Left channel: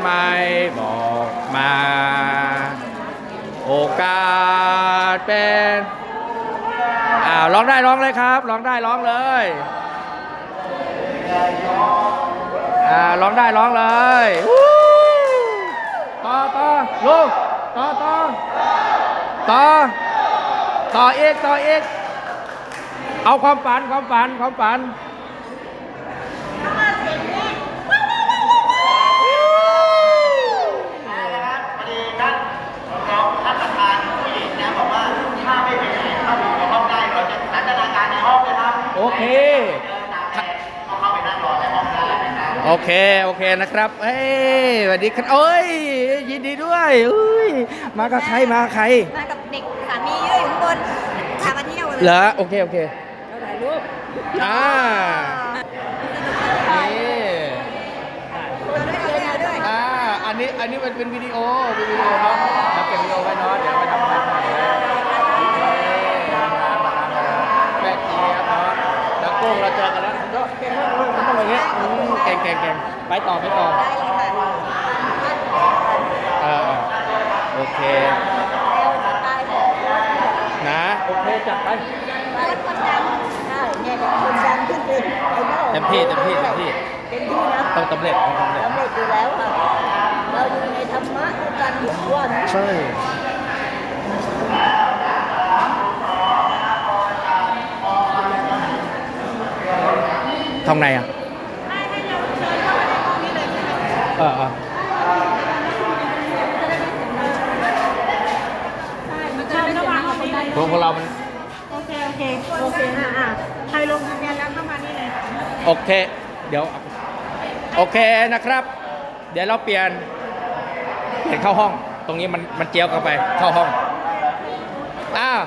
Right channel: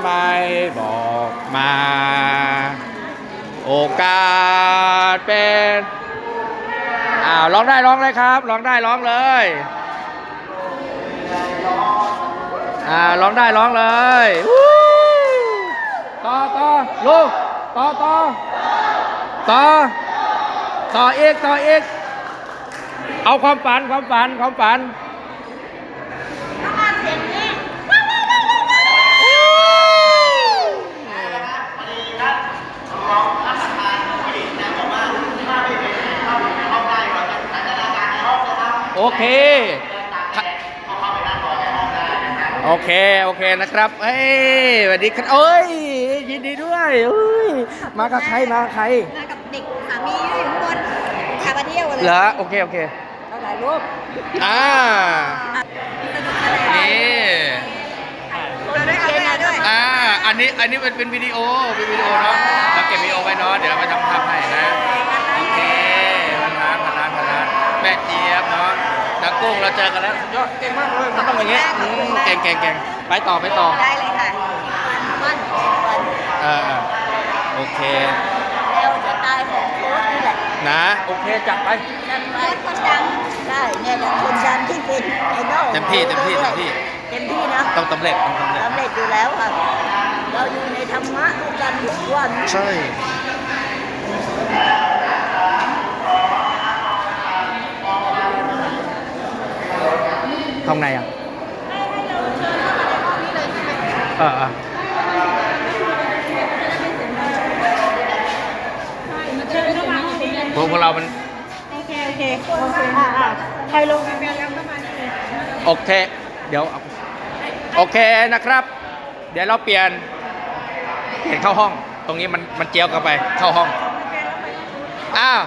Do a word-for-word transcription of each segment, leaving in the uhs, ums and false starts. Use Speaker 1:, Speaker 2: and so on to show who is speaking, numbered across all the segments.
Speaker 1: ไหมบอกมา โอกาสเป็นอ้าวร้องได้ร้องเลยครับร้องได้ร้องเลยอ่าร้องได้ร้องเลยวู้ต่อต่อลูกต่อต่อต่อต่ออีกต่ออีกเอาความฝันความฝันความฝันโอเคโอเคโอเคนะครับเฮ้ยสวัสดีครับเอ้ยยินดีด้วยอุ้ยมากับใครมาใคร
Speaker 2: มากับเด็กสามีอยู่ข้างบนพามาเที่ยวเลย
Speaker 1: เหรอโอเคโอเค
Speaker 2: ถ่ายรูป
Speaker 1: อ่านี่
Speaker 2: เราได้เชียร์ด้วย
Speaker 1: อ่าอันนี้อันนี้มันเป็นวิดีโอเป็นวิดีโอเนาะเราเก็บวิดีโอไว้เนาะเดี๋ยวไปทำภาพให้นะโอเคมาร้านมาร้านมาร้านแม่เจี๊ยบเนาะนักกุ้งเราเจอกันแล้วยอดเก่งมากเลยมันต้องอย่างเงี้ยเก่งเก่งเก่งไปต่อไปต่อ
Speaker 2: ได้เลยค่ะวันวัน
Speaker 1: เออโอเค
Speaker 2: เราจะตายของโค้ชนี่แหละ
Speaker 1: นะโอเคจัดไป
Speaker 2: จัดไปคนดังได้เนี่ยคนดังที่เป็นไอดอล
Speaker 1: เต็มที่เต็มที่เต็มที่
Speaker 2: เต็มที่นะ
Speaker 1: ต้องสำเร็จต้องสำเร็จ
Speaker 2: สำเร็จอยู่แล้วค่ะเราอยู่ในธรรมะด้วยกันทุกวัน
Speaker 1: ใช่ห้องไหนอ่ะ
Speaker 2: ให้เราเชิญเข้ามาในห้องนี้เลยใช่ไหม
Speaker 1: เออเออ
Speaker 2: เชิญเข้ามาห้องนี้เลย
Speaker 1: พวกเรามัน
Speaker 2: โอเคโอเคโอเคอ่าอ่าใครลงทะเบียนกันเข้ามานี่เลย
Speaker 1: โอเคเดี๋ยวโอเคนะครับ เดี๋ยวเราเปลี่ยนเห็นเข้าห้องตรงนี้มันมันเจียวกันไปเข้าห้องอ้าว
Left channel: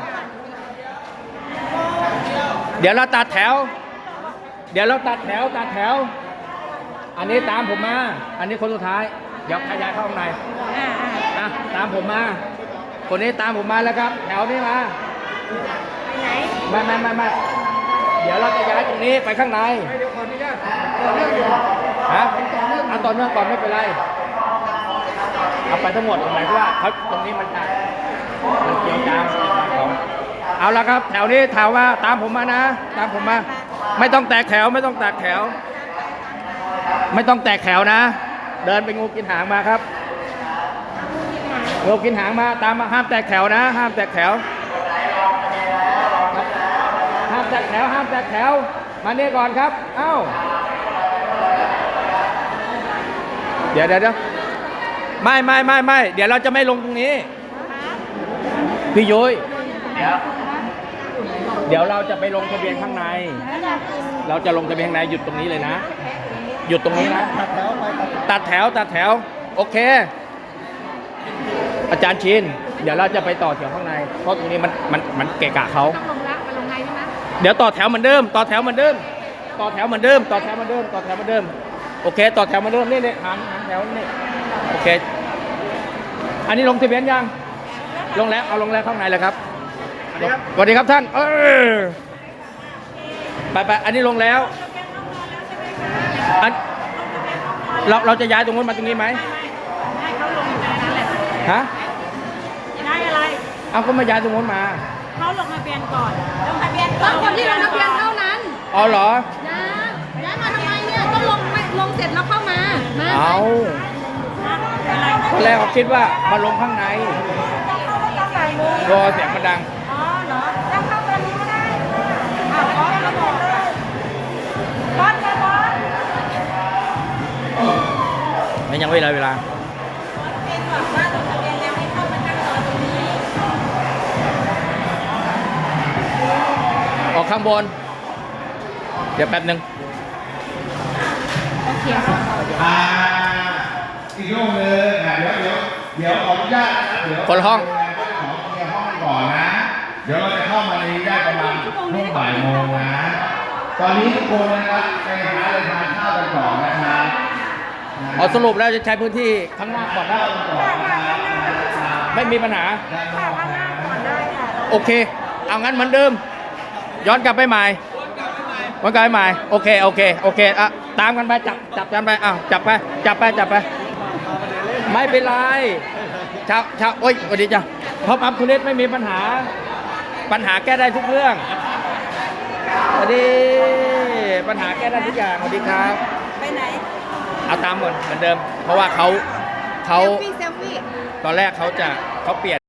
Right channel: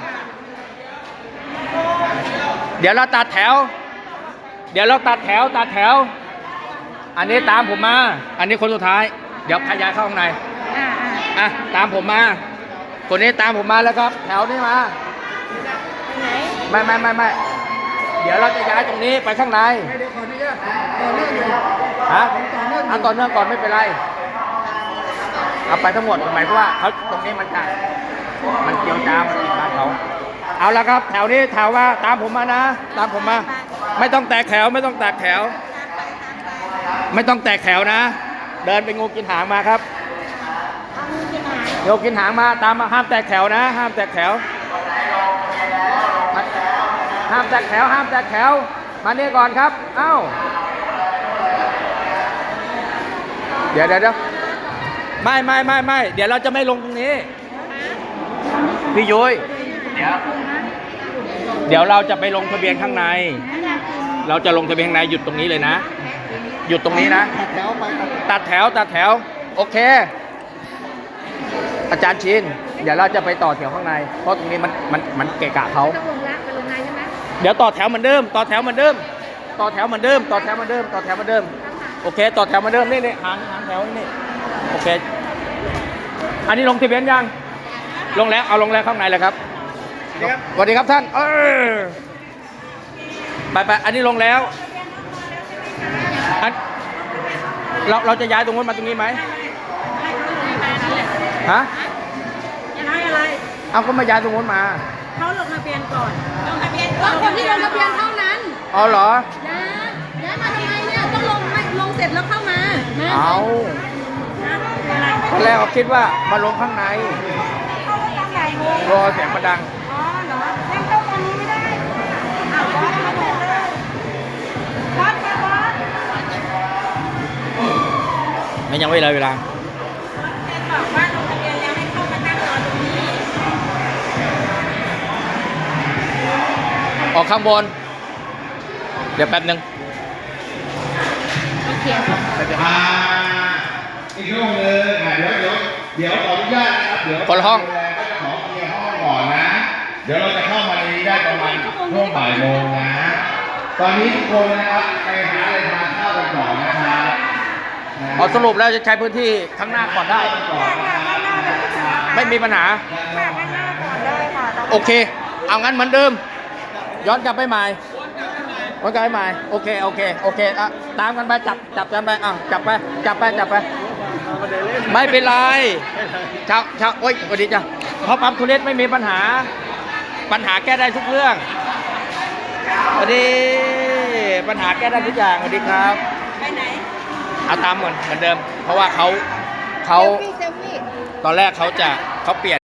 Speaker 1: เดี๋ยวเราตัดแถวเดี๋ยวเราตัดแถวตัดแถวอันนี้ตามผมมาอันนี้คนสุดท้ายเดี๋ยวขยายเข้าข้างใน
Speaker 2: อ่า
Speaker 1: อ่ะตามผมมาคนนี้ตามผมมาแล้วครับแถวนี้มา
Speaker 2: ไหน
Speaker 1: ไม่ไม่ไม่ไม่เดี๋ยวเราจะย้ายตรงนี้ไปข้างในไม่เดี๋ยวขออนุญาตต่อเนื่องอยู่ฮะอันต่อเนื่องก่อนไม่เป็นไรเอาไปทั้งหมดหมายความว่าเขาตรงนี้มันจะมันเกี่ยวจามติดบ้านเขาเอาละครับแถวนี้แถวว่าตามผมมานะตามผมมาไม่ต้องแตกแถวไม่ต้องแตกแถวไม่ต้องแตกแถวนะเดินไปงูกินหางมาครับงูกินหางมาตามมาห้ามแตกแถวนะห้ามแตกแถวห้ามแตกแถวห้ามแตกแถวมานี่ก่อนครับเอ้าเดี๋ยวเดี๋ยวไม่ไม่ไม่ไม่เดี๋ยวเราจะไม่ลงตรงนี้พี่ยุ้ยเดี๋ยวเดี๋ยวเราจะไปลงทะเบียนข้างในเราจะลงทะเบียนข้างในหยุดตรงนี้เลยนะหยุดตรงนี้นะตัดแถวไปตัดแถวตัดแถวโอเคอาจารย์ชินเดี๋ยวเราจะไปต่อแถวข้างในเพราะตรงนี้มันมันมันเกะกะเขา
Speaker 2: ต้องลงละไปลงในใช่ไหม
Speaker 1: เดี๋ยวต่อแถวเหมือนเดิมต่อแถวเหมือนเดิมต่อแถวเหมือนเดิมต่อแถวเหมือนเดิมต่อแถวเหมือนเดิมโอเคต่อแถวเหมือนเดิมนี่นี่หางหางแถวนี่โอเคอันนี้ลงทะเบียนยังลงแล้วเอาลงแล้วข้างในเลยครับสวัสดีครับท่านเออไปไปอันนี้ลงแล้วอันเราเราจะย้ายตรงนู้นมาตรงนี้ไหม
Speaker 2: ให้เขาลงในนั้นแหละ
Speaker 1: ฮะ
Speaker 2: ย้ายอะไร
Speaker 1: เอาก็มาย้ายตรงนู้นมา
Speaker 2: เขาลงทะเบียนก่อนลงทะเบียนก่อนคนที่ลงทะเบียนเท่านั้น
Speaker 1: อ๋อเหรอ
Speaker 2: ย้ายย้ายมาทำไมเนี่ยต้องลงลงเสร็จแล้วเข้ามา
Speaker 1: เอาตอนแรกเขาคิดว่ามาลงข้างในรอเสียงมันดัง
Speaker 2: อ๋อเหรองั้นเข้าตอนนี้ก็ได้เอาไว้ให้เขาบอกเลยรถนะบอส
Speaker 1: ไม่ยังไม่เลยเวลา
Speaker 2: เป็นบอกว่าลงทะเบียนแล้วให้เข้ามาตั้งรอตรงนี้
Speaker 1: ออกข้างบนเดี๋ยวแป๊บนึง
Speaker 2: โอเค
Speaker 3: อ่าอีกห้องนึงเดี๋ยวเดี๋ยวขออนุญาตนะครับเดี๋ยว
Speaker 1: คนห้อง
Speaker 3: ขอเคลียร์ห้องก่อนนะเดี๋ยวเราจะเข้ามาในนี้ได้ประมาณช่วงบ่ายโมงนะตอนนี้ทุกคนนะครับไปหาอะไรทานข้าวกันก่อนนะครับ
Speaker 1: เอาสรุปแล้วจะใช้พื้นที่ข้างหน้าก่อนได้ไม่มีปัญหาโอเคเอางั้นเหมือนเดิมย้อนกลับไปใหม่ย้อนกลับไปใหม่โอเคโอเคโอเคอ่ะตามกันไปจับจับกันไปอ่ะจับไปจับไปจับไปไม่เป็นไรชาวชาวโอ๊ยสวัสดีจ้ะเพราะปั๊มทุเรศไม่มีปัญหา ปัญหาแก้ได้ทุกเรื่องสวัสดีปัญหาแก้ได้ทุกอย่างสวัสดีครับ
Speaker 2: ไปไหน
Speaker 1: เอาตามเหมือนเหมือนเดิม เพราะว่าเขาเขา
Speaker 2: เซลฟี่เซลฟี่
Speaker 1: ตอนแรกเขาจะเขาเปลี่ยน